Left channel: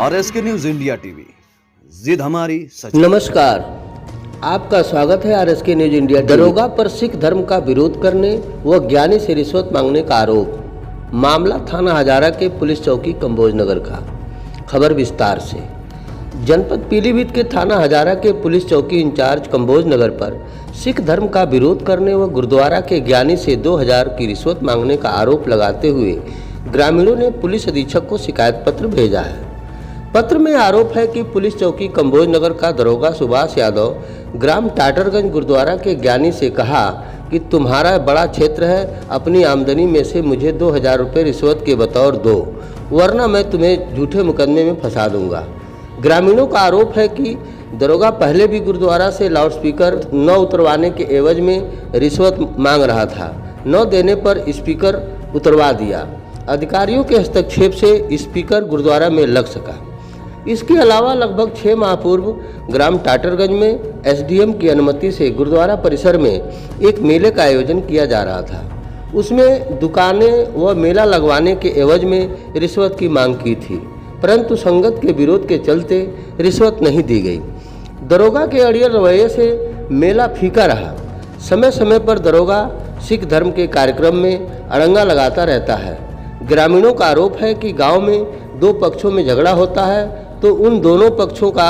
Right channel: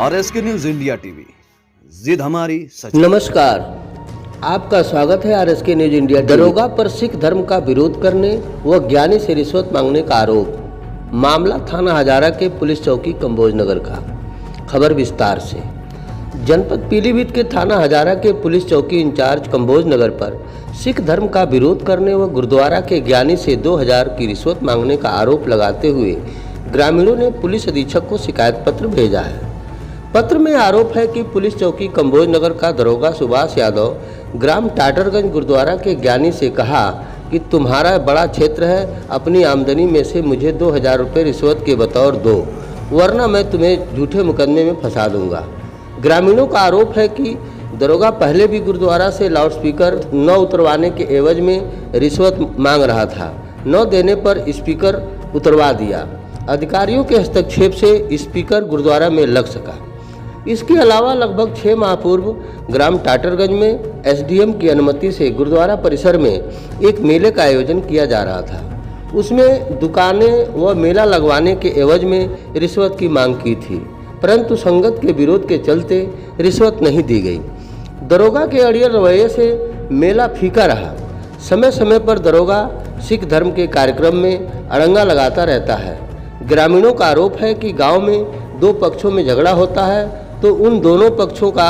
RSK news India TV, जिद हमारी सच। नमस्कार, आपका स्वागत है RSK न्यूज इंडिया। दरोगा पर सिख धर्म का विरोध करने व ज्ञानी से रिश्वत मांगने का आरोप। मामला थाना हजारा के पुलिस चौकी कंबोज नगर का। खबर विस्तार से। जनपद पीलीभीत के थाना हजारा के पुलिस चौकी इंचार्ज कंबोज नगर पर सिख धर्म का विरोध करने व गुरुद्वारा के ज्ञानी से 2000 की रिश्वत मांगने का आरोप लगाते हुए ग्रामीणों ने पुलिस अधीक्षक को शिकायत पत्र भेजा है। पत्र में आरोप है कि पुलिस चौकी कंबोज नगर का दरोगा सुभाष यादव ग्राम टाटरगंज गुरुद्वारा के ज्ञानी से कहा कि तुम्हारा बड़ा क्षेत्र है, अपनी आमदनी में से मुझे 2000 रुपये रिश्वत के बतौर दो, वरना मैं तुम्हें झूठे मुकदमे में फंसा दूंगा। ग्रामीणों का आरोप है कि दरोगा पहले भी गुरुद्वारा से लाउडस्पीकर न उतरवाने के एवज में रिश्वत मांग रहा था। न देने पर स्पीकर उतरवा दिया। अधिकारियों के हस्तक्षेप से स्पीकर गुरुद्वारा में लग सका। इसके अलावा लगभग 6 माह पूर्व ग्राम टाटरगंज में SDM की अनुमति से गुरुद्वारा परिसर में एक मेले का आयोजन किया जा रहा था। उसमें दुकानें व मेला लगवाने के एवज में रिश्वत की मांग की थी, परंतु संगत के विरोध के चलते रिश्वत नहीं दी गई। दरोगा के अड़ियल रवैये से मेला फीका रहा। समय समय पर दरोगा सिख धर्म के कार्यक्रम में अड़ंगा लगाता रहता है। ग्रामीणों का आरोप है कि गांव में 2 पक्षों में झगड़ा होता है तो उन दोनों पक्षों का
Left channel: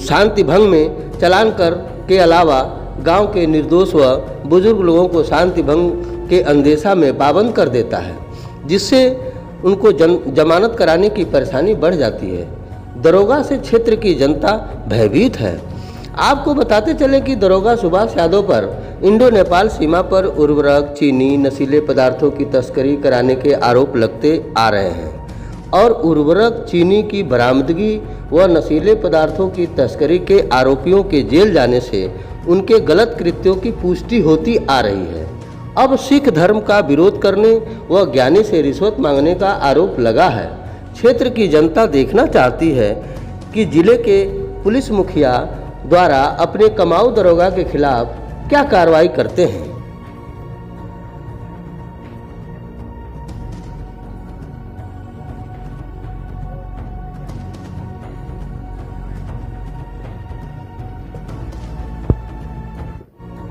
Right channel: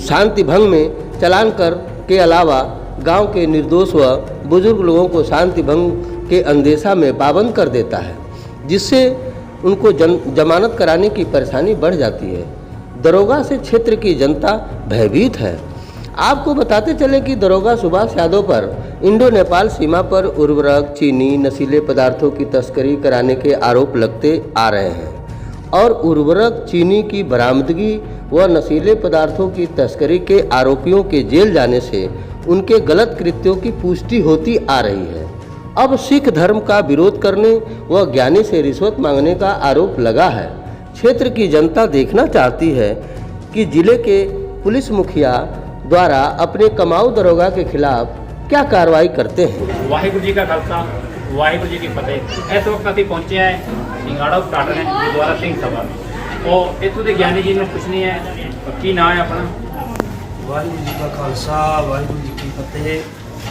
शांति भंग में चालान कर के अलावा गांव के निर्दोष व बुजुर्ग लोगों को शांति भंग के अंदेशा में पाबंद कर देता है, जिससे उनको जमानत कराने की परेशानी बढ़ जाती है। दरोगा से क्षेत्र की जनता भयभीत है। आपको बताते चले कि दरोगा सुभाष यादव पर इंडो नेपाल सीमा पर उर्वरक, चीनी, नशीले पदार्थों की तस्करी कराने के आरोप लगते आ रहे हैं और उर्वरक, चीनी की बरामदगी व नशीले पदार्थों की तस्करी के आरोपियों के जेल जाने से उनके गलत कृत्यों की पुष्टि होती आ रही है। अब सिख धर्म का विरोध करने व ज्ञानी से रिश्वत मांगने का आरोप लगा है। क्षेत्र की जनता देखना चाहती है कि जिले के पुलिस मुखिया द्वारा अपने कमाऊ दरोगा के खिलाफ क्या कार्रवाई करते हैं। वाहिगुरू जी का खालसा, वाहिगुरू जी की फतेह। इस वक्त अभी पहुंचे हैं सिंगाड़ा टाटर है गुरुद्वारा सिंह सभा और इतों के ज्ञानी जी ने कुछ नहीं है की ना है अपना। वाहिगुरू जी का खालसा, वाहिगुरू जी की फतेह।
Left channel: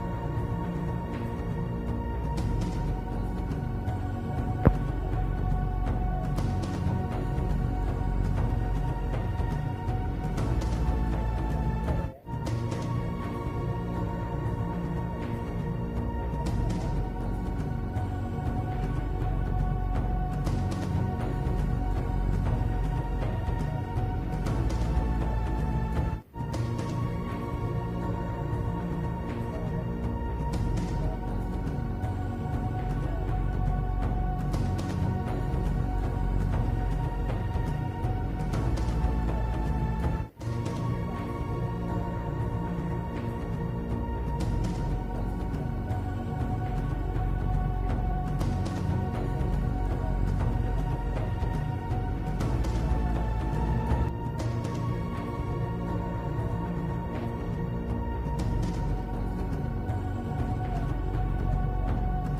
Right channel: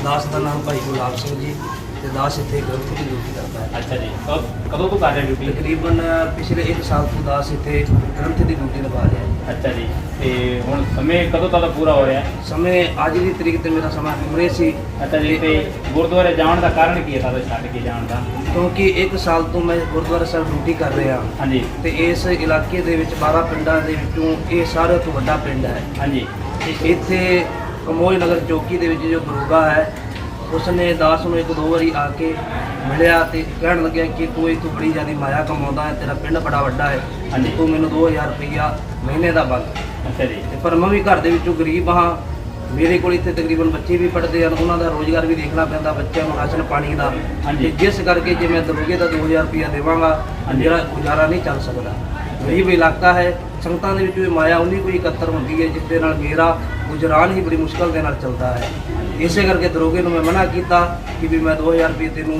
दास का नाम भाई गुलाब सिंह जी ਤੇ दास ਇੱਥੇ ਗ੍ਰੰਥ ਦੀ ਡਿਊਟੀ ਕਰਦਾ ਹੈ। अच्छा जी, कदों तो कर रहे ड्यूटी? ਤਕਰੀਬਨ ਪਿਛਲੇ 1 ਸਾਲ ਤੋਂ दास ਇੱਥੇ ਗ੍ਰੰਥ ਦੀ ਡਿਊਟੀ ਨਿਭਾ ਰਿਹਾ ਹੈ। अच्छा जी, ਤੇ ਹੁਣ ਸਮੇਂ ਕਦੋਂ ਤੱਕ ਪੂਰਾ ਹੋ ਰਿਹਾ ਹੈ? ਸਮੇਂ ਅੱਜ ਦੀ ਤਰੀਕ ਤੇ ਮੇਰਾ ਸਮਾਂ ਹੁਣੇ ਸੀ। ਅੱਛਾ ਜੀ, ਤੇ ਗੁਰਦੁਆਰੇ ਜਾਣ ਦਾ ਕਾਰਨ ਕੀ ਹੈ ਤੁਹਾਡਾ ਛੱਡ ਕੇ ਜਾਣ ਦਾ? ਕਿਉਂਕਿ 1 ਸਾਲ ਤੋਂ ਮੈਂ ਗੁਰਦੁਆਰਾ ਸਾਹਿਬ ਡਿਊਟੀ ਕਰ ਰਿਹਾ ਹਾਂ। ਹਾਂਜੀ ਤੇ ਇਸ ਇਲਾਕੇ ਦੇ ਵਿੱਚ 12 ਪਿੰਡਾਂ ਦੇ ਵਿੱਚੋਂ ਇਹ ਸਾਰਿਆਂ ਤੋਂ ਵੱਡਾ ਪਿੰਡ ਹੈ। ਹਾਂਜੀ ਤੇ ਇੱਥੇ ਕੰਬੋਜ ਨਗਰ ਚੌਕੀ ਦੇ ਵਿੱਚ ਜੋ ਦਰੋਗਾ ਹੈ ਉਸਨੇ दास ਨੂੰ 1-2 ਵਾਰੀ ਆ ਕੇ ਮਿਲਿਆ ਤੇ ਕਹਿਣ ਲੱਗਿਆ ਕਿ ਤੂੰ ਇੱਥੋਂ ਬੜੀ ਜ਼ਿਆਦਾ ਮਾਇਆ ਕਮਾਉਂਦਾ ਹੈ, ਤੇਰਾ ਪਿੰਡ ਬੜਾ ਵੱਡਾ ਹੈ, ਹਾਂਜੀ ਤੂੰ ਮੈਨੂੰ 2000 ਰੁਪਈਆ ਮਹੀਨੇ ਦਾ ਬੰਦ। ਅੱਛਾ ਜੀ, ਤੇ ਪਰ ਮੈਂ ਵੀ ਘਰ ਦੇ ਵਿੱਚੋਂ ਗਰੀਬ ਹਾਂ। ਮੇਰੇ ਕੋਲ ਇੱਥੇ ਤਕਰੀਬਨ ਬੱਚੇ ਵੀ ਪੜ੍ਹਦੇ ਹਨ, ਉਹਨਾਂ ਦਾ ਰੋਜ਼ਗਾਰ ਵੀ ਦੇਖਣਾ ਪੈਂਦਾ, ਬੱਚਿਆਂ ਨੂੰ ਰਾਸ਼ਨ ਪਾਣੀ ਦਾ। ਹਾਂਜੀ। ਤੇ ਜਿਸ ਕਰਕੇ ਜੇ ਮੈਂ ਦਰੋਗੇ ਦਾ 2000 ਰੁਪਈਆ ਦੇਵਾਂਗਾ ਮੇਰਾ ਗੁਜ਼ਾਰਾ ਨਹੀਂ ਚੱਲ ਸਕਦਾ। ਗਰੀਬ ਇਲਾਕਾ ਹੈ, ਸੰਗਤਾਂ ਦੇ ਵਿੱਚ ਵੀ ਮਾਇਆ ਉਨੀ ਕੋਈ ਇਕੱਤਰ ਹੁੰਦੀ ਹੈ ਜਿਸ ਦੇ ਨਾਲ ਮੇਰਾ ਗੁਜ਼ਰਾਨ ਹੀ ਬੜੀ ਮੁਸ਼ਕਲ ਦੇ ਨਾਲ ਚੱਲਦਾ ਹੈ। ਇਸੇ ਕਰਕੇ ਦਰੋਗੇ ਨੂੰ ਮੈਂ ਮਨਾ ਕੀਤਾ ਕਿ ਵੀ ਮੈਂ 2000 ਰੁਪਏ ਤੈਨੂੰ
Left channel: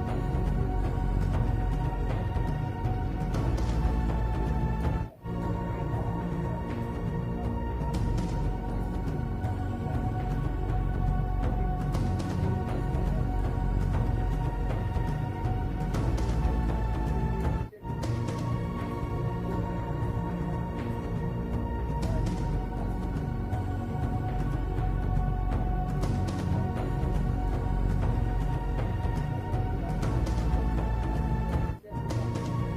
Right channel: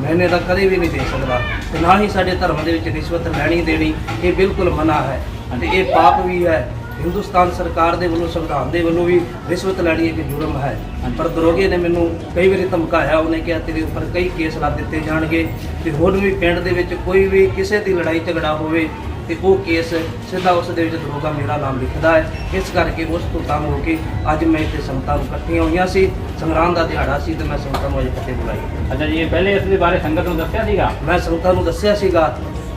ਮਹੀਨੇ ਦਾ ਕਦੇ ਵੀ ਨਹੀਂ ਦੇ ਸਕਦਾ ਤੇ ਨਾ ਹੀ ਸਾਡੇ ਧਰਮ ਦੇ ਵਿੱਚ ਰਿਸ਼ਵਤ ਲੈਣੀ ਦੇਣੀ ਇਹ ਬਿਲਕੁਲ ਮਨਾ ਹੈ ਤੇ ਇਹ ਪਾਪ ਵੀ ਹੈ। ਹਿੰਦੁਸਤਾਨ ਸਰਕਾਰ ਦੇ ਵੱਲੋਂ, ਸੰਵਿਧਾਨ ਦੇ ਵੱਲੋਂ ਵੀ ਰਿਸ਼ਵਤ ਲੈਣੀ ਇੱਕ ਜੁਰਮ ਹੈ। ਪਰ ਦਰੋਗੇ ਨੇ ਮੈਨੂੰ ਕਈ ਵਾਰੀ ਧਮਕਾਇਆ, ਉਹਨੇ ਕਿਹਾ ਤੇਰੇ ਉੱਪਰ ਕਈ ਕੇਸ ਲਾ ਦਿੱਤੇ ਜਾਣਗੇ ਤੇ ਹੁਣ ਵੀ ਪਿੰਡ ਦੇ ਵਿੱਚ ਕੋਈ ਵੀ ਕਿਸੇ ਦੀ ਲੜਾਈ ਝਗੜਾ ਹੋਵੇ ਤੇ ਉਹ ਕੇਸ ਸਿੱਧਾ ਉਸ ਦੇ ਵਿੱਚ ਦਰੋਗਾ ਮੇਰਾ ਨਾਮ ਲਿਖਦਾ ਹੈ। ਇਸ ਕਰਕੇ ਉਸ ਤੋਂ ਤੰਗ ਹੋ ਕੇ ਅੱਜ ਮੈਂ ਇੱਥੇ ਸੰਗਤਾਂ ਨੂੰ ਇਕੱਠੀਆਂ ਹੋਈਆਂ ਸੀ। ਸੰਗਰਾਮ ਦਾ ਦਿਹਾੜਾ ਸੀ ਤੇ ਮੈਂ ਸੰਗਤਾਂ ਨੂੰ ਅੱਜ ਇਕੱਠੇ ਬੁਲਾਈ। ਅੱਛਾ ਜੀ, ਪਹਿਲੇ ਇਸ ਦੇ ਬਾਰੇ ਸੰਗਤ ਨੂੰ ਦੱਸਿਆ ਸੀਗਾ? ਮੈਂ ਸੰਗਤਾਂ ਨੂੰ ਦੱਸਿਆ ਸੀਗਾ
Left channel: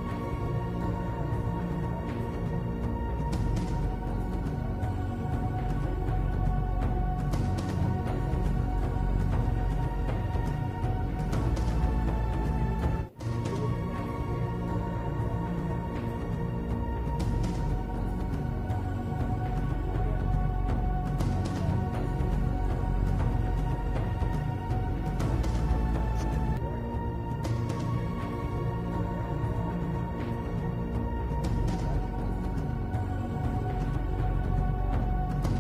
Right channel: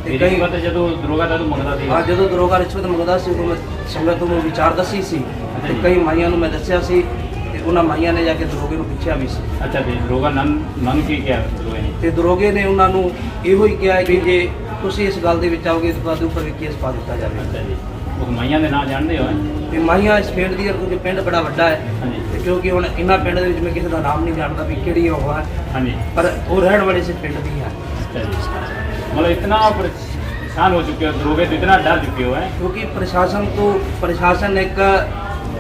ਤੇ ਕਈ ਵਾਰ ਜਦੋਂ ਦਰੋਗਾ ਤੁਹਾਨੂੰ ਮੰਗਦਾ ਸੀ? ਹਾਂ, ਜਦੋਂ ਦਰੋਗਾ ਰਿਸ਼ਵਤ ਮੰਗਦਾ ਸੀ ਉਦੋਂ ਮੈਂ ਸੰਗਤ ਨੂੰ ਵਿਚਾਰ ਦੱਸੀ ਸੀ ਤੇ ਕਈ ਮਾਈਆਂ ਨੂੰ ਮੈਂ ਦੱਸਿਆ ਸੀ ਤੇ ਉਹਨਾਂ ਮਾਈਆਂ ਨੇ ਜਾ ਕੇ ਦਰੋਗੇ ਨੂੰ ਪੁੱਛਿਆ ਵੀ ਸੀ। ਅੱਛਾ ਜੀ, ਦਰੋਗਾ ਨਨ ਕੀ ਕਿਹਾ ਦਰੋਗੇ ਨੇ? ਤੇ ਦਰੋਗੇ ਨੇ ਉਹਨਾਂ ਨੂੰ ਇਹੋ ਹੀ ਕਿਹਾ ਕਿ ਜੇ ਤੁਸੀਂ ਇਸ ਗੱਲ ਦੇ ਵਿੱਚ ਆਓਗੇ ਤਾਂ ਤੁਹਾਡੇ ਉੱਪਰ ਵੀ ਕੇਸ ਪਾ ਦਿੱਤਾ ਜਾਵੇ। ਅੱਛਾ ਜੀ, ਉਹ ਮਾਈਆਂ ਦੇ ਨਾਂ ਜਾਣਦੇ ਹੋ? ਤੇ ਮਾਈਆਂ ਇਸ ਪਿੰਡ ਦੀਆਂ, ਕਿਉਂਕਿ ਪਿੰਡ ਬੜਾ ਵੱਡਾ ਹੈ ਹਾਂਜੀ ਤੇ ਕਿਉਂਕਿ ਹੁਣ ਇਹਨਾਂ ਪਿੰਡ ਦੇ ਵਿੱਚ ਮੈਂ ਕਿਸੇ ਦਾ ਨਾਮ ਨਹੀਂ ਜਾਣਦਾ ਵੀ ਕਿਹੜੀ ਉਹ ਹੈ, ਹਾਂਜੀ, ਪਰ ਉਹ ਰਹਿਣ ਵਾਲੇ ਇਸ ਪਿੰਡ ਦੀ ਹੈ। अच्छा जी, मतलब इतना परेशान हो चुके हो, दरोगे तो इतना डर चुके हो हैं? ਕਿਉਂਕਿ ਪ੍ਰਸ਼ਾਸਨ ਇੱਕ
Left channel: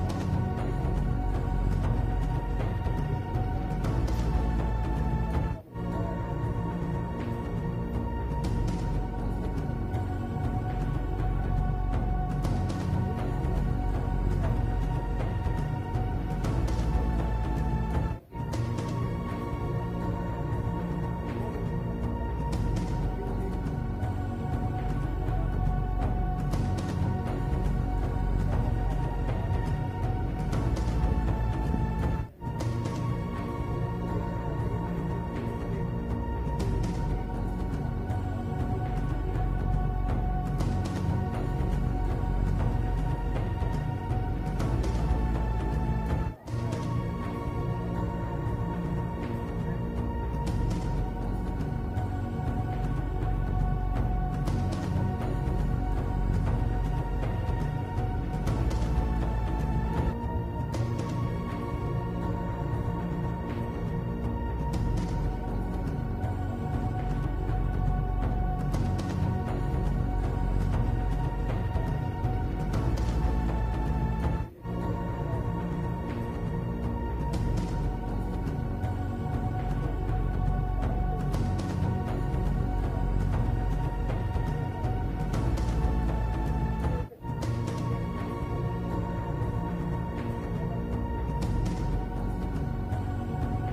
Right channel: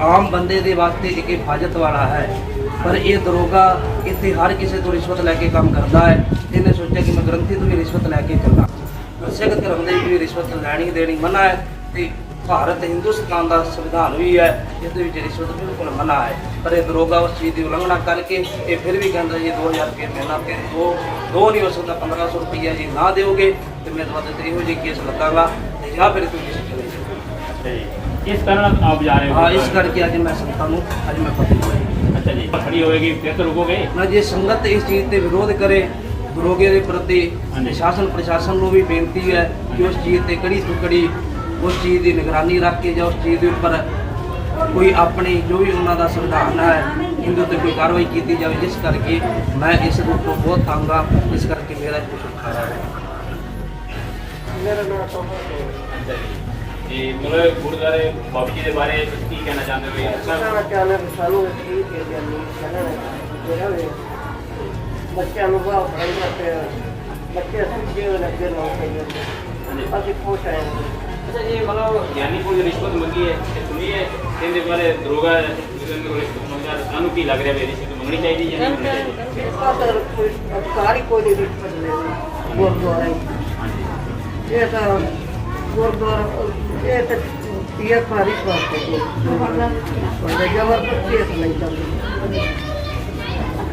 ਆਮ ਬੰਦੇ ਦੇ ਵਾਸਤੇ ਇੱਕ ਹਿਫਾਜ਼ਤ ਵਾਲਾ ਹੈ, ਪਰ ਇਹ ਦਰੋਗਾ ਇੱਥੇ ਹਰ ਕਿਸੇ ਤੋਂ ਰਿਸ਼ਵਤ ਲੈ ਕੇ ਕੰਮ ਕਰਦਾ ਹੈ। ਇਹਨੇ ਸੋਚਿਆ ਕਿ ਮੈਂ ਗ੍ਰੰਥੀ ਤੋਂ ਵੀ ਰਿਸ਼ਵਤ ਲੈ ਕੇ ਚੱਲਾਂ। ਸਖਤ ਕਰਨ ਦੇ ਵੀ ਰਿਸ਼ਵਤ ਲੈਣੀ ਦੇਣੀ ਮਨਾ ਹੈ ਤੇ ਭਾਰਤ ਹਿੰਦੁਸਤਾਨ ਦਾ ਸੰਵਿਧਾਨ ਵੀ ਹੈ ਜਿਸ ਦੇ ਵਿੱਚ ਰਿਸ਼ਵਤ ਬਿਲਕੁਲ ਮਨਾ ਹੈ। ਪਰ ਇਹ ਦਰੋਗਾ ਉਸ ਚੀਜ਼ ਦੀ ਉਲੰਘਣਾ ਕਰਕੇ ਇਹ ਫਿਰ ਵੀ ਕਹਿੰਦਾ ਜੀ 2000 ਰੁਪਏ ਮਹੀਨਾ ਤੇ ਦੋ ਨਹੀਂ ਹੋ ਸਕਦਾ 1500 ਰੁਪਈਆ ਜੀ ਨਾ ਦਿਓਗੇ ਤੇ ਮੈਂ ਤੁਹਾਡੇ ਤੇ ਇਹੋ ਜਿਹੀ ਕੇਸ ਲੱਦਾਂਗਾ ਤੇ ਜਾਂ ਫਿਰ ਤੁਸੀਂ ਚਲੇ ਜਾਓ। ਇਸ ਕਾਰਨ ਆਪ ਜਾ ਰਹੇ ਹੋ? ਹਾਂ, ਇਸ ਕਰਕੇ ਅੱਜ ਮੈਂ ਸੰਗਤਾਂ ਨੂੰ ਅੱਜ ਮੈਂ ਪੱਤਰ ਪਾਇਆ। ਅੱਛਾ ਜੀ, ਖੜੀ ਹੋਏਗੀ ਫਿਰ ਤਾਂ ਰੁਕੋਗੇ ਨਾ ਜੇ ਸੰਗਤ ਇਸ ਚੀਜ਼ ਤੇ ਵਿਰੋਧ ਕਰੇ ਦਰੋਗੇ ਦੇ ਪ੍ਰਤੀ ਸ਼ਾਸਨ ਪ੍ਰਸ਼ਾਸਨ ਨੂੰ ਵੀ ਬੇਨਤੀ ਹੈ ਕਿ ਉਸ ਚੀਜ਼ ਤੇ ਕੜੀ ਤੋਂ ਕੜੀ ਉਸ ਚੀਜ਼ ਦੀ ਨਿਗਰਾਨੀ ਰੱਖ ਕੇ ਜਾਂ ਉਸ ਚੀਜ਼ ਦੇ ਉੱਪਰ ਕੋਈ ਆਪਣੀ ਜੋ ਵੀ ਉਹਨਾਂ ਦਾ ਸੰਵਿਧਾਨ ਹੈ ਇਹਦੇ ਉੱਤੇ ਕੋਈ ਕਾਰਵਾਈ ਕੀਤੀ ਜਾਵੇ। ਜਿਸ ਕਰਕੇ ਮੈਂ ਇਸ ਦੇ ਉੱਪਰ ਬਹੁਤ ਤੰਗ ਹਾਂ, ਇਸ ਕਰਕੇ ਮੇਰਾ ਕੁਝ ਖਾਣਾ ਹੈ। ਜੀ ਮਤਲਬ ਗੁਰਦੁਆਰੇ ਬਾਬਾ ਜੀ ਦੇ ਬਾਰੇ ਤੁਸੀਂ ਕੀ ਕਹਿਣਾ ਚਾਹੁੰਦੇ ਹੋ? ਬੱਚਿਆਂ ਨੂੰ ਬਾਹਰ ਪੜ੍ਹਾਈਆਂ ਤੇ ਬੱਚੇ ਸਿੱਖੇ ਹੋਏ ਲੱਗੇ ਲੋਕ ਅਸੀਂ ਖੁਸ਼ ਹਾਂ। अच्छा ये मतलब ज्ञानी को जो रिश्वत मंगी है सुनिए इसके बारे दरोगा रिश्वत मंगा सानू की लग रहा है रिश्वत मंगनी चाहिए या नहीं मंगनी चाहिए? अधिकारी कोई नहीं रिश्वत ले गुरुद्वारा ये तो गुरुद्वारा ये तो पीएफ का रिश्वत है जबरदस्ती नहीं चलती।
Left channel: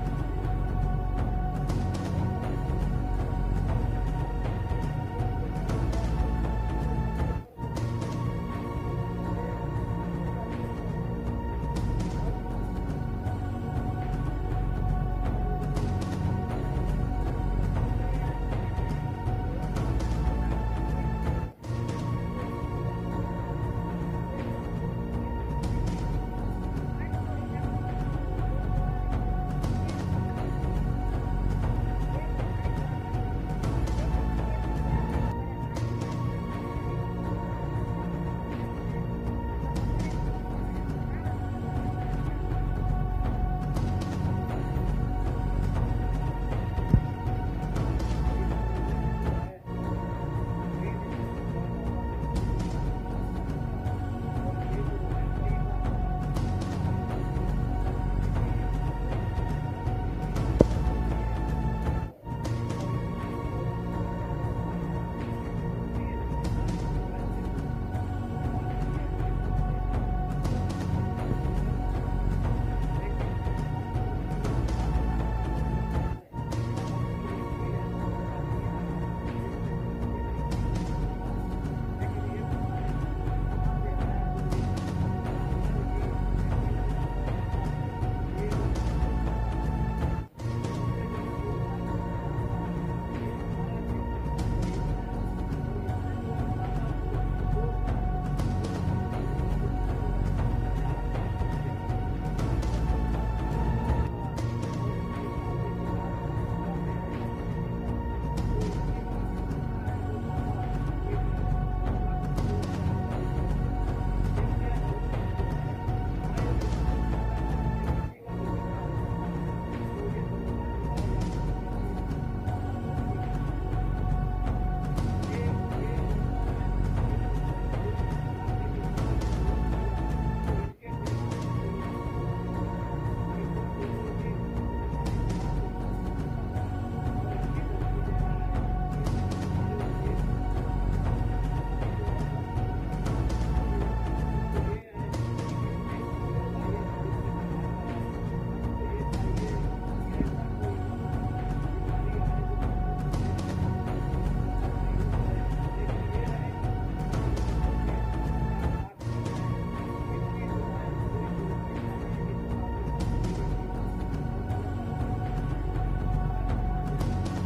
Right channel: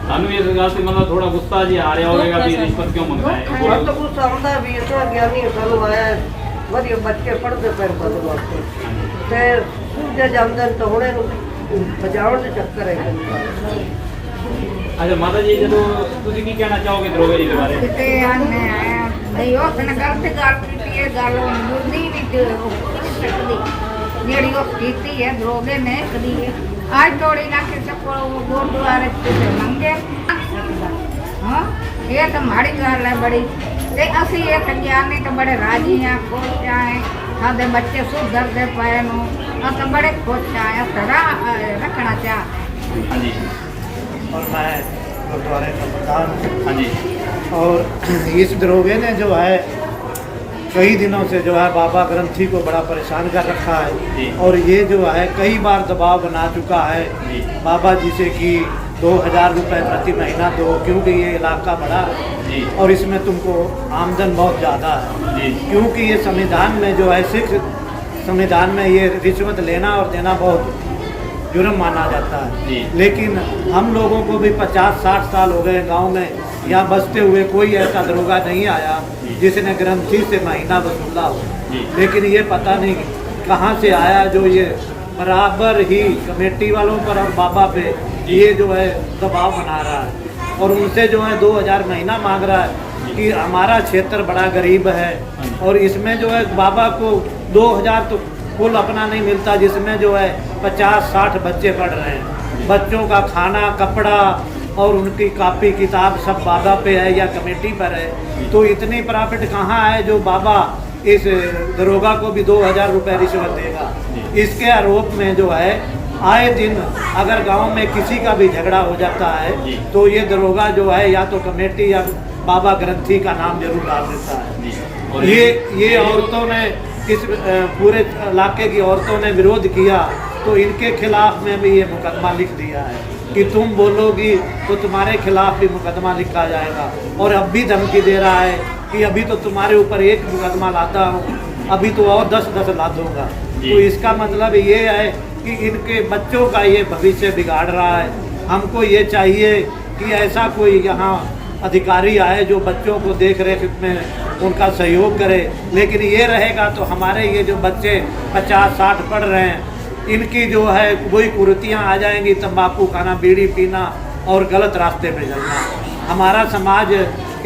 सानू इस गल से मतलब थोड़ा गुस्सा जी आ रहा होगा भी रिश्वत क्यों मंगता है? तो गुस्सा आता भी इतना ज्ञानी सानू आया ਵਧੀਆ ਬੱਚੇ ਪੜ੍ਹਦੇ ਪਏ ਪਦ ਵਾਸਤੇ ਤੇ ਸੂਝੇ ਜਾਂਦੇ ਨੇ ਤਾਂ ਹੁਣੇ ਬਚਾਉਣ ਦੇ ਚੱਕਰ ਹੈ। अच्छा माता जी जो ਤੁਸੀਂ ਕੀ ਕਹਿਣਾ ਚਾਹੋਗੇ ਦਰੋਗੇ ਜੀ ਦੇ ਬਾਰੇ? ਤੇ ਆਨੇ ਆਇਆ ਨਹੀਂ ਉਹ ਸਨ ਗਲਤ ਗੱਲ ਕੀਤੀ ਹੈ ਗੱਲ ਮੁਰਦੀ ਵੀ ਸਕਦੀ ਜਿਹੜੀ ਉਹ ਕੀਤੀ ਹੈ ਦਰੋਗੇ ਨੇ ਕਦੀ ਅੱਜ ਤੋੜੀ ਨਾ ਕਿਸੇ ਕੋਲ ਗੁਰਦੁਆਰੇ ਤੇ ਮੰਗੇ ਹਾਂ ਇਹ ਤਾਂ ਮਾੜੀ ਗੱਲ ਹੈ ਬੜੀ ਤੇ ਅਸੀਂ ਇਹ ਗਿਆਨੀ ਤਾਂ ਬੜੇ ਰਾਜੀ ਆ ਖੁਸ਼ ਆ ਸਾਡੇ ਬੱਚੇ ਸੁਧਰਦੇ ਪਏ ਨੂੰ ਅਸੀਂ ਬੜੇ ਖੁਸ਼ ਆ ਸਦਾ ਰੱਖਣਾ ਚਾਹ। हाँ जी और मैं गुरुद्वारे का प्रधान हूँ। हाँ जी और इस दरोगे ने जो है कई दिनों से जो है बाबा ग्रंथी को बड़ा परेशान कर रखा जी। है और ये जो है कई बार दबाव बना चुका है जी। बाबा जी से कि 2000 रुपये प्रति महीना दो क्योंकि ये इलाका बड़ा जी। है और इसमें तुमको आमदन बहुत ज़्यादा है जी। क्योंकि ये संविधान में जो है सिख संविधान में ये रिश्वत लेना और देना बहुत जुर्म माना जाता जी। है। लेकिन हम लोगों को भी 50-60 साल हो गए गांव में यहाँ बसते हुए कोई ऐसा दरोगा नहीं आया जिसने ग्रंथी से महीना वसूला हो। जी। लेकिन ये पता नहीं कहाँ से आया जो ये बराबर ही कमेटी वालों पर और बाबा पे ये जो है दबाव बना रहा है और उनसे जो है 2000 महीना मांग रहा है कि हमारा क्षेत्र बड़ा गरीब है और इसमें जो है बाबा को 2000 तो कुल अपना नहीं मिलता जिसमें जो है 50-60 बच्चे पढ़ रहे हैं। बच्चों का खाना कपड़ा और उनकी कापी किताब सब बाबा पे है या कमेटी पर है तो इतनी प्रॉफिट कहाँ है जो बाबा इस दरोगा को भी 2000 रुपये रिश्वत देगा। इसके आरोप में जो है आए दिन अगर गांव में किसी का भी झगड़ा हो जाता है तो ये दरोगा जो है या तो कमेटी या बाबा ग्रंथी का नाम जरूर डाल देता है। ये औरतों ने इस पूरे इलाके की औरतों ने विरोध किया तो इनके खिलाफ में भी ये मुकदमा लिख दिया है कि तुम बोलोगी तो तुम्हारे खिलाफ भी मुकदमा लिखा जाएगा और अब भी धमकी दे रहा है कि अभी तो तुम्हारे ऊपर एक मुकदमा लाता हूँ अभी तो और 10 ला दूंगा। तो इसका मतलब ये है कि इनके बच्चों का ये भविष्य बिगाड़ रहा है। हमको ये चाहिए कि ऐसा कोई यहाँ अधिकारी आए जो बच्चों को देख रेख में उनका सहयोग करे। लेकिन ये रहेगा तो हमारे ये जो बच्चे 50-60 पढ़ रहे हैं इनकी जो है वही कुरीतियाँ आ जाएंगी, तंबाकू खाना बीड़ी पीना और गलत रास्ते पे चलना। हमारा समाज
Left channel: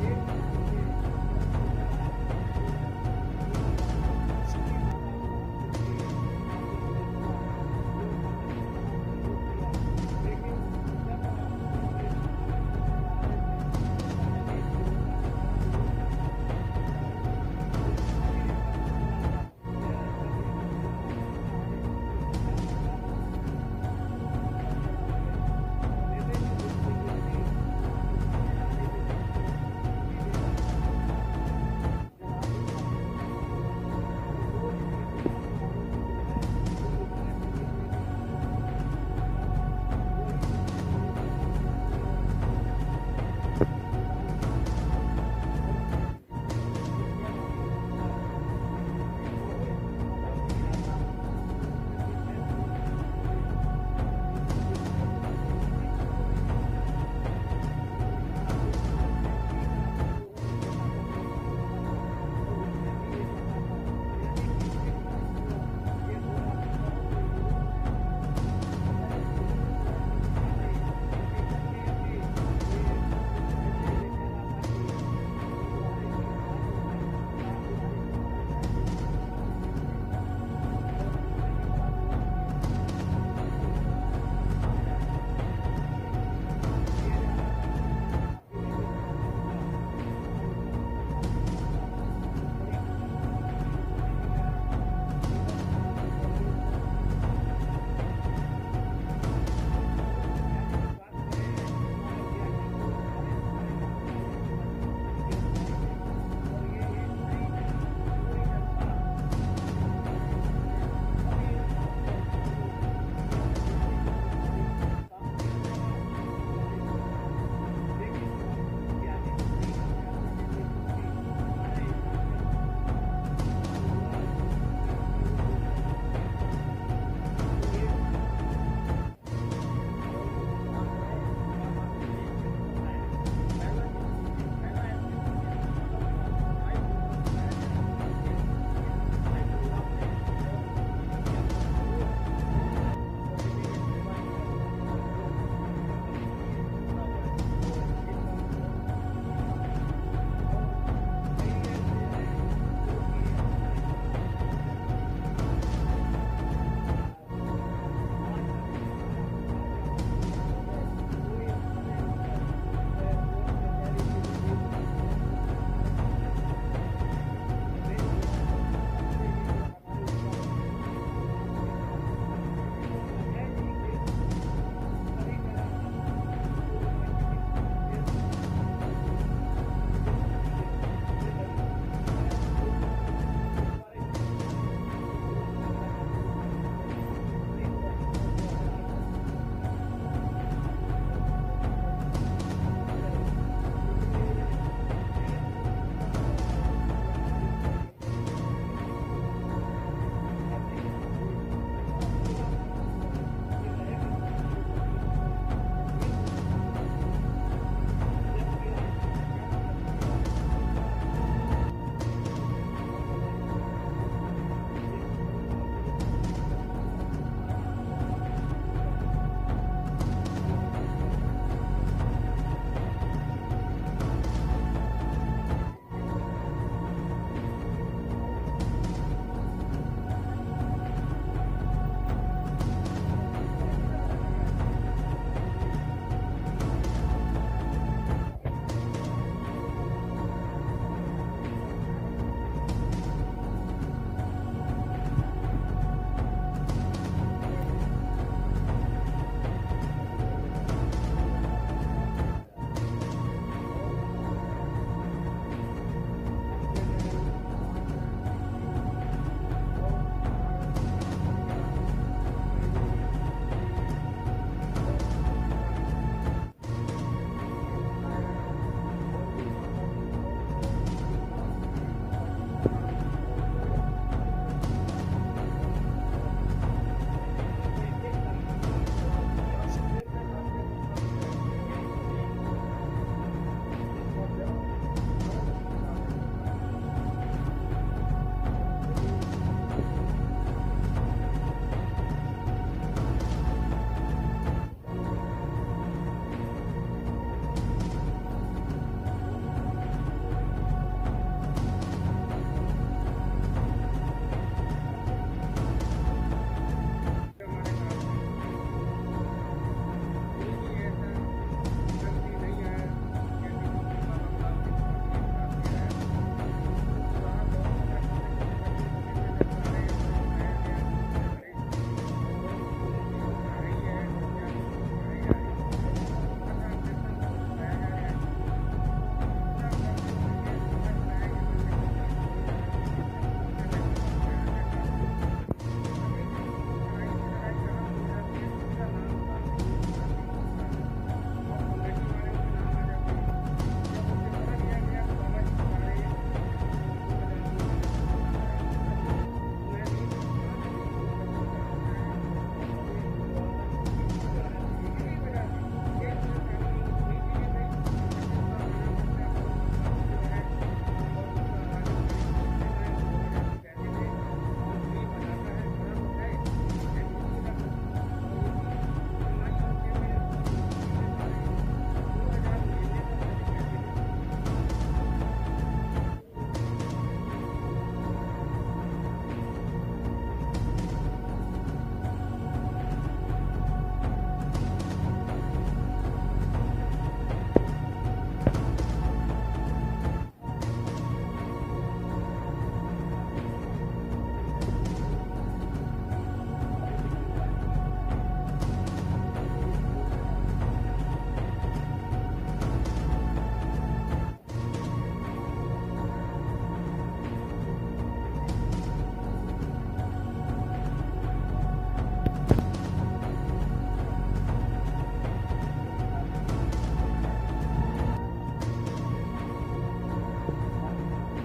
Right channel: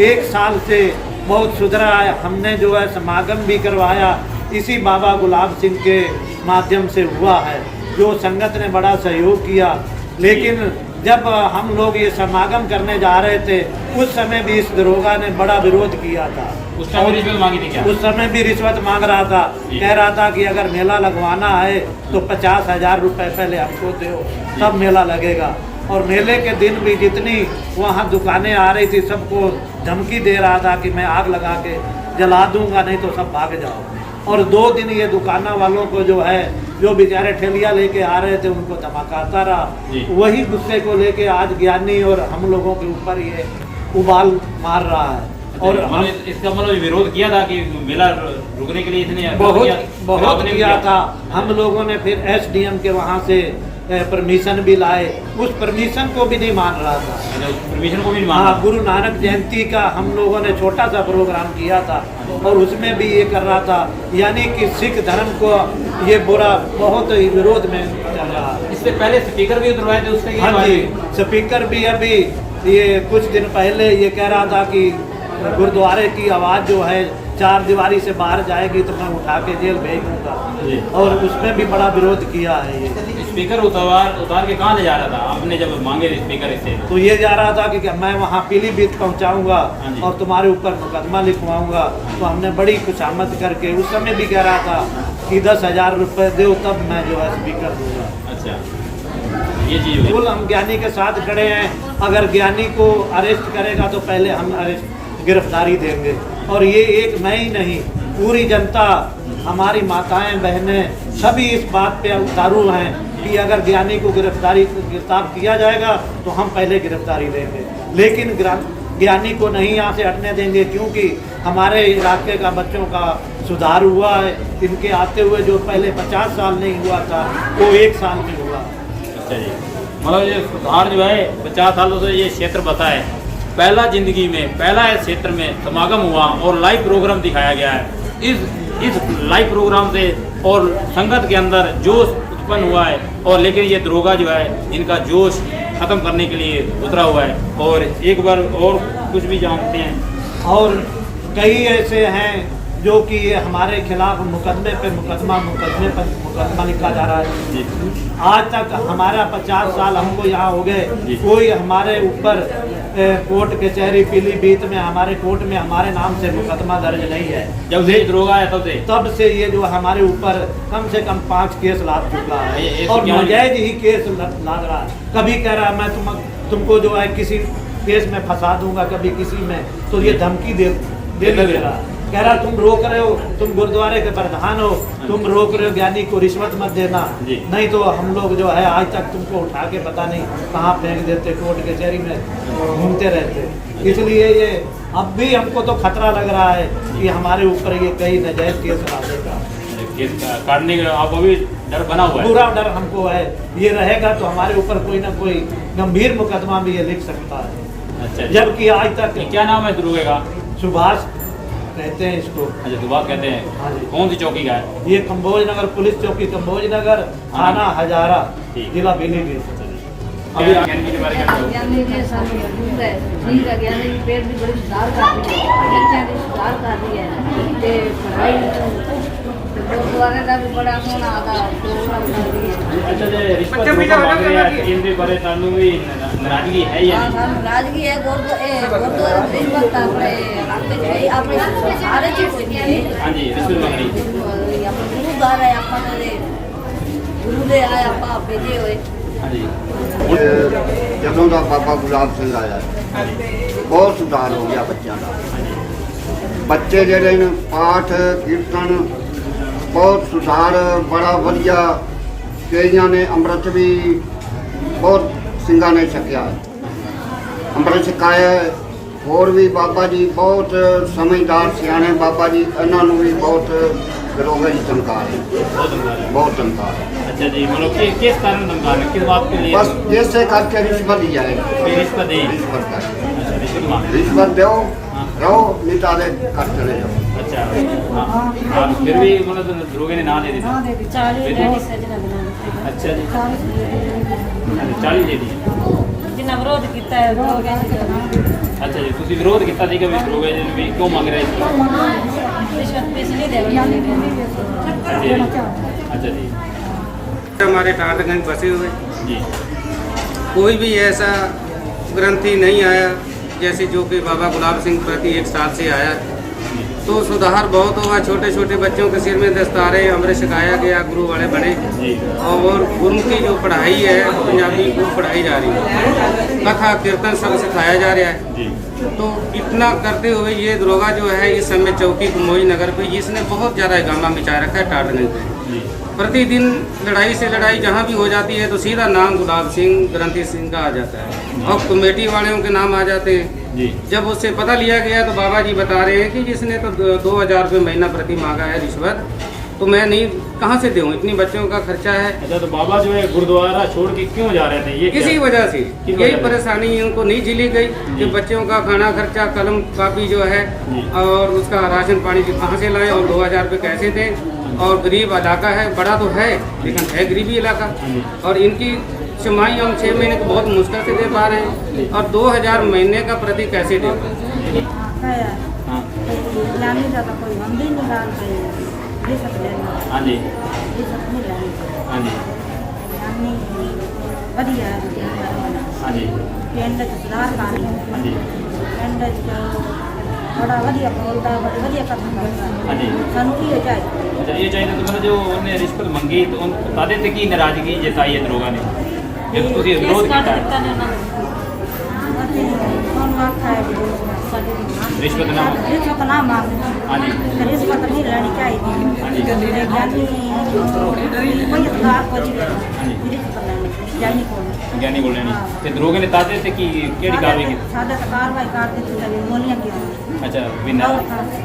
1 साल से बहुत सुधरा है। हमने जो है समागम भी करवाया इसी बाबा गुलाब सिंह के माध्यम से हुआ है जो संगत ने बड़ा सहयोग किया। लेकिन जब हम लोग ये समागम करने जा रहे थे उस समय भी इस दरोगा ने बड़ा विरोध किया था। उस समय रिश्वत मांगी थी क्या? उस समय भी रिश्वत मांग रहा था, कह रहा था कि अगर मेला लगवाना है तो 50,000 रुपये पहले हमको दो तब मेला लगेगा। और मेले के दिन भी जितनी वहाँ दुकानें आ रही थी सबको धमकी दे रहा था कि मैं आग लगा के जला दूंगा नहीं तो सब भाग जाओ। और 2 दिन ये दुकाना वालों को जो है जो बेचारे ठेलिया लेके आ रहे थे उनको धमकाता रहा। वही गुस्से को लेके आज ज्ञानी और हम लोगों के ऊपर ये उबाल मार रहा है। और हम हम इसका मतलब विरोध किया था कि मेला रुकने के लिए इतने बहुत किया था। हम लोगों ने फिर एसडीएम के वहाँ से परमिशन भी लाए, उस परमिशन को भी नहीं मान रहा था। परमिशन को भी नहीं हाँ, माना। गुरु नानक जयंती का हम लोगों ने छोटा सा प्रोग्राम किया था और उसमें भी ये कर रहा था, यानी कि सिख धर्म को ये बुरा बहुत ही विरोध में चल रहा है। इससे पहले स्पीकर भी उतरवाए थे उससे हाँ जी, स्पीकर भी अभी ये कुछ दिन पहले ये कह रहा था कि गुरुद्वारे की आवाज़ जो है 4 दीवारी से बाहर जाएगी तो मैं उठा के जेल भेज दूंगा, और उसमें भी बड़ा विरोध किया है ये। स्पीकर उतार के कहाँ ले जा रहा था आपने जब मांगे थे स्पीकर इससे? तो ये जा रहा था कि मैं वहाँ पीलीभीत पहुँचाऊँगा और तुम्हारे ऊपर मुकदमा लिखवाऊँगा। तो हमने बड़ी खुशामद करके उस समय भी कह रहा था कि 10,000 रुपये दो तब मैं जो है स्पीकर दूँगा। अच्छा, ये चीज़ हुई। बिल्कुल हम ज्ञानी के साथ खड़े हैं। अगर ज्ञानी को अरेस्ट करेगा तो पहले हम गिरफ्तारी देंगे। और ये एक मैं ही नहीं, पूरी जनता, हमारी माताएं बहनें सभी इस बात पे उतारू हैं कि अगर ज्ञानी को गिरफ्तार किया जाएगा तो हम पहले गिरफ्तारी देंगे, लेकिन ज्ञानी को नहीं यहाँ से हटने देंगे, क्योंकि हमारे इलाके का बच्चों का सुधार हुआ है। इनके आते हुए जो पहले 50 साल नहीं हुआ था वो 1 साल में हुआ। अच्छा जी, मतलब ये सुधार जो है 50 सालों से ये क्षेत्र बता है, पहला जिंदगी में पहला इस क्षेत्र में समागम हुआ और लाइव प्रोग्राम दिखाया गया है। इस लाइव प्रोग्राम से और संगत के अंदर जोश उत्पन्न हुआ है, और लेकिन ये दरोगा जो है इनका जोश खत्म करने के लिए उतरा हुआ है। और एक बार और कुछ भी जानते हैं, और कई ऐसे हैं जो कि ये हमारे खिलाफ मुकदमे पे मुकदमा लिखा जा रहा है। आज तक हमारा 50 साल हमको यहाँ हो गए, कोई हमारे ऊपर कोर्ट कचहरी पीलीभीत में हमारे कोर्ट में हमारे नाम से मुकदमा दर्ज नहीं है। जब से दरोगा है तब से ये जो हमारे ऊपर कम से कम 5 केस लाद चुका है, और नाजायज ही केस लाद रहा है। कभी कह रहा है मैं तुमको जो है किसी केस में फंसा दूंगा, कभी किसी में, तो ये धमकी दे रहा है। कह रहा तुम रोक रहे हो, तुम गुरुद्वारे के प्रधान हो, तुम रोक रहे हो ज्ञानी को रिश्वत मत देना, नहीं तो हम लोग जो है आज तक तुमको उठा के पता नहीं कहाँ फेंक देते, कोर्ट कचहरी में घूमते रहते। इसलिए ये अब भी हमको तो खतरा लग रहा है कि हमारे ऊपर ये कई नाजायज केस ला देगा। काटने का अब अभी डर बना हुआ है, पूरा डर हमको है। ये रहेगा तो हमारे ऊपर कोई ना कोई गंभीर मुकदमा भी ये लिख सकता है। अच्छा, जबकि आज तक क्या नाम है दरोगे का? सुभाष कहते हैं इसको। अच्छा, सुभाष कहते हैं। हाँ जी। कौन सी चौकी का है? ये कंबोज नगर पुलिस चौकी, कंबोज नगर, थाना हजारा, जिला पीलीभीत। अभी ज्ञानी के बारे में क्या कहोगे? ज्ञानी के साथ दूर है, ठीक है, ज्ञानी की पेट भी बड़ी सुधार कर रही है, बच्चों की सुधार कर रही है, ते पढ़ाई गुरुद्वारे का भी बड़ा सोना आता प्रोग्राम कर रही है। अच्छा, जो रिश्वत मांग रहे हैं इनके बारे में भी नाराजगी है या नहीं? नाराजगी है। गुरुद्वारे रिश्वत अपने सारे चीज हाँ जी, रिश्वत मांग रही है। गुरु गा रहे अपने गुरु दे आए आप भेजे हुए। हाँ जी, ਜਦੋਂ ਦਾ ਬਾਬਾ ਗੁਲਾਬ ਸਿੰਘ ਆਇਆ ਬਹੁਤ ਸੁਧਾਰ ਹੋ ਗਿਆ ਬੱਚਿਆਂ ਦਾ। ਬੱਚੇ ਜਿਹੜੇ ਨੇ ਪਾਠ ਕੀਰਤਨ ਬਹੁਤ ਸੁਧਾਰ ਬੜਾ ਵਧੀਆ, ਕਈਆਂ ਨੇ ਅੰਮ੍ਰਿਤ ਵੀ ਬਹੁਤ ਸਿੰਘਾਂ ਨੇ ਛਕਿਆ, ਅੰਮ੍ਰਿਤ ਛਕਾਇਆ। ਹੋਰ ਵੀ ਬਾਬਾ ਜੀ ਬਹੁਤ ਸਮਝਦਾਰ ਸਿਆਣੇ ਬਾਬਾ ਜੀ, ਇਹਨਾਂ ਨੂੰ ਵੀ ਬਹੁਤ दरोगा जी चमकार है, बहुत चमकार है। अच्छा जी, मतलब कि किस कारण धमकार है, किस बात के लिए? बस जैसे करके रिश्वत ही जाए, रिश्वत दे, रिश्वत का अच्छा, रिश्वत मांग रिश्वत दो रहो, नहीं तो आधे कर चले जाओ। अच्छा, हाँ, फिर भी मतलब दरोगे ने ना दे दी? अच्छा जी, 40 दे दी। जिन्ना विरोध किया है अच्छा जी, ਤੁਸੀਂ ਵਿਰੋਧ ਕੀਤਾ ਸੀਗਾ ਵੀ ਦਰੋਗੇ ਜੀ ਵੀ ਕਿਉਂ ਮੰਗ ਰਹੇ ਸੀ? रिश्वत पैसे नहीं देंगे। अच्छा जी, हमारे टाटगंज बसे हुए जी, कोई भी ऐसा ग्रंथी नहीं आया जैसे जो कि बाबा गुलाब सिंह प्रति 1 साल से आया, तो सुधार बहुत हुआ। छोटे छोटे बच्चों के सिर में दस्तारे अमृत सिखाया गया, गुरु वाले बने, और गुरु की जो पढ़ाई है पंजाबी वो पढ़ाई जा रही है, कथा कीर्तन सब सिखाया जा रहा है। तो इतना करते हुए ये दरोगा जो है इस समय चौकी कंबोज नगर पे इसने बहुत ज़्यादा हंगामा मचा रखा है टाटगंज में। प्रतिदिन लड़ाई से लड़ाई जहाँ भी हो जाती है तो सीधा नाम गुलाब सिंह ग्रंथी सिंह का आ जाता है, और कमेटी वालों के नाम आ जाते हैं। जी। जब उससे पता लिया गया तो बाबा जी बता रहे हैं कि जिसने तो 2000 रुपये महीना प्रति मांगा है रिश्वत, तो मैं नहीं कहाँ से दूँ, इतनी बच्चों का खर्चा है। अच्छा, तो बाबा जो है गुरुद्वारा छोड़ के क्यों जा रहे थे? ये किसी वजह से यही परेशानी उनको नहीं झेली गई कि बच्चों का खाना खर्चा, कलम कापी जो है और उसका राशन पानी कहाँ से लाएं और 2000 रुपये कैसे दें। और गरीब इलाका है, बड़ा तो है लेकिन है गरीबी इलाका, और इनकी छमाही हम 6 महीने को बहुत मुश्किल से दे पा रहे हैं और 2000 महीने का प्रति कैसे दे पा रहे हैं। हाँ जी, हाँ जी, हाँ जी, हाँ जी, बड़ा बढ़िया बोलता है, बड़ी बढ़िया कथन करता है। हाँ जी। ਸਾਨੂੰ ਕੀ चाहिए? अच्छा, ये चाहिए तो मतलब जो उन्होंने रिश्वत मंगी तो उन बता देते कि नाराजगी जताई है दरोगा ने, ये तो उसी विरोध किया है। कौन मांगता है रिश्वत ना मांगे। रिश्वत ना मांगे। हाँ जी, रिश्वत नहीं लेनी चाहिए। हाँ जी, कोई सरकार को नहीं रिश्वत लेनी चाहिए कौन ज्ञानी बोल रहे नहीं ते दरोगे ने ताते थे कि केड़ी कार्रवाई की? सादा कार्रवाई कर दी थी, गोलियां की। अच्छा, बिना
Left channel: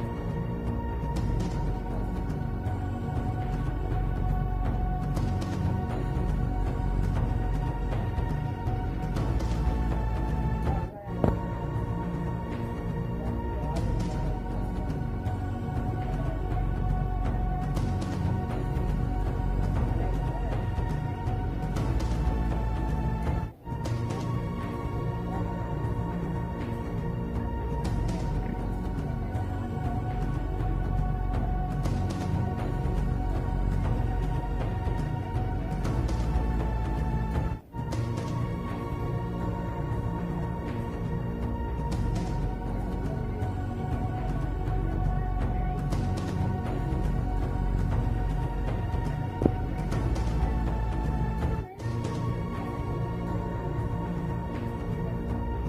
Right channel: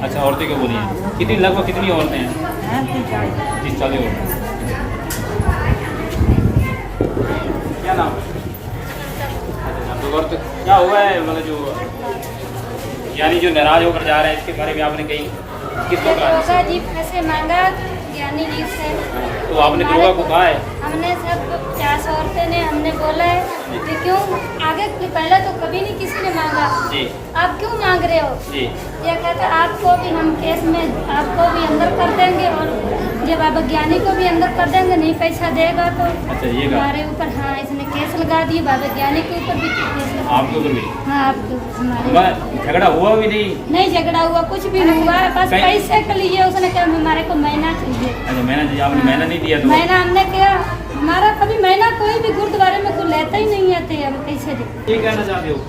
अच्छा, औरतें को बोली हैं कितनी, लगभग कितनी औरतें हैं? 30-40 औरतें। क्या नाम है? तो औरत क्या हुआ है, मतलब जो यानी जो नाराज होकर जा रहे हैं इसके बारे में आपने कहीं किसको कहा? जी पैसे मांगा ज्ञानी जी से, तो आपने दरोगा को कहा है? हमने सब 50 औरतें ने हमने बोला है कि क्यों आगे पहले तो कभी नहीं किसी ने मांगा जी, आप क्यों मांग रहे हो जी, ये कहते आपको भी हम केस में आपको भी अंदर कर देंगे और ये बाबा ज्ञानी को भी अंदर कर देंगे, नहीं पैसा देगा तो। अच्छा, ये कहा हमारे ऊपर हाँ इसने केस लगा दिए, बाबा ज्ञानी के ऊपर भी केस लगा आपके ऊपर भी? हाँ, आपको हमारे झगड़ा हुआ भी नहीं? नहीं झगड़ा हुआ, कुछ भी नहीं हुआ, बस कहीं- पैसे के लिए उसने कहा हमारे को महीना चाहिए। अच्छा, मैंने आपने महीना नहीं दिया तो? महीना हमने क्या, हमारा कभी महीना कोई भी गुरुद्वारे में कोई लेता ही नहीं आते, हम कैसे दे। ये कहना चाहते हो?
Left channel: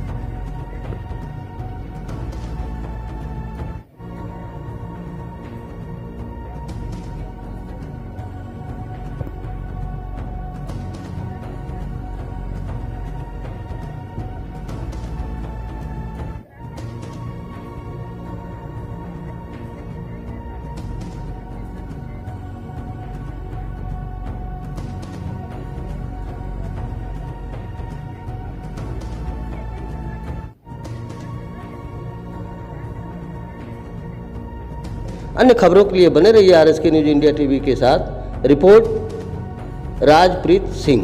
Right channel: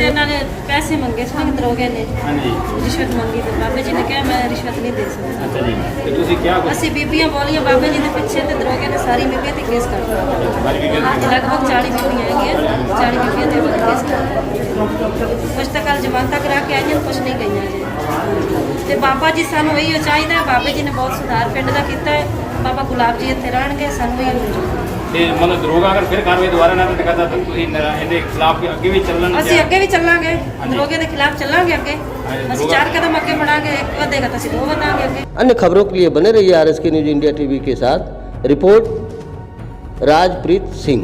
ਇਹਨਾਂ ਨੇ ਪੈਸੇ ਮੰਗੇ ਸੀ ਦਰੋਗੇ ਨੇ, हाँ जी, ਰਿਸ਼ਵਤ ਮੰਗੀ ਤੇ ਬਾਬੇ ਜੀ ਨੇ ਕਿਹਾ ਮੈਂ ਰਿਸ਼ਵਤ ਨਹੀਂ ਦੇ ਸਕਦਾ। अच्छा जी, तो तुसी क्या कुछ ਅਸੀਂ ਬੀਬੀਆਂ ਬੋਲੀਆਂ ਬਾਬੇ ਜੀ ਦੇ ਪਿੱਛੇ ਤੇ ਦਰੋਗੇ ਨੇ ਸਾਰੀ ਬੀਬੀਆਂ ਤੇ ਕੇਸ ਕਰਤਾ। हमारी भी ਅੱਜ ਲਗਭਗ 40 ਬੀਬੀਆਂ ਹੈਗੀਆਂ, 40 ਬੀਬੀਆਂ ਦੇ ਉੱਤੇ ਕੇਸ ਕਰਤਾ। ਕੁਛ ਤਾਂ ਕੱਲ ਜ਼ਮਾਨਤਾਂ ਕਰਾ ਕੇ ਆਈਆਂ, ਕੁਛ ਨਹੀਂ ਗਈਆਂ ਜੀ। ਤੇ ਬਾਬਾ ਜੀ ਸਾਨੂੰ ਇਹੀ ਚਾਹੀਦਾ ਹੈ, ਬਾਬੇ ਜੀ ਨੇ ਬਹੁਤ ਸੁਧਾਰ ਪਿੰਡ ਦਾ ਕੀਤਾ ਹੈ, ਬਾਬਾ ਗੁਲਾਬ ਜੀ ਇੱਥੇ ਰਹਿਣਗੇ, ਸਾਨੂੰ ਇਹ ਤੇ मतलब दरोगा अगर फिर कार्रवाई दोबारा ना करता तो ਤੁਸੀਂ ਇਹਦੇ ਖਿਲਾਫ ਅੱਗੇ ਵੀ ਚੱਲਣ? ਅਸੀਂ ਅੱਗੇ ਵੀ ਚੱਲਾਂਗੇ, ਦਰੋਗੇ ਦੇ ਖਿਲਾਫ ਚੱਲਾਂਗੇ ਅੱਗੇ। ਅਸੀਂ 4 ਕਦਮ ਅੱਗੇ बढ़ाएंगे, एक ਵਧेगा तो ਅਸੀਂ 2 ਵਧਾਂਗੇ ਅੱਗੇ। अन्य खबरों के लिए बने रहिए RSK न्यूज इंडिया टीवी के साथ। रिपोर्ट राजप्रीत सिंह।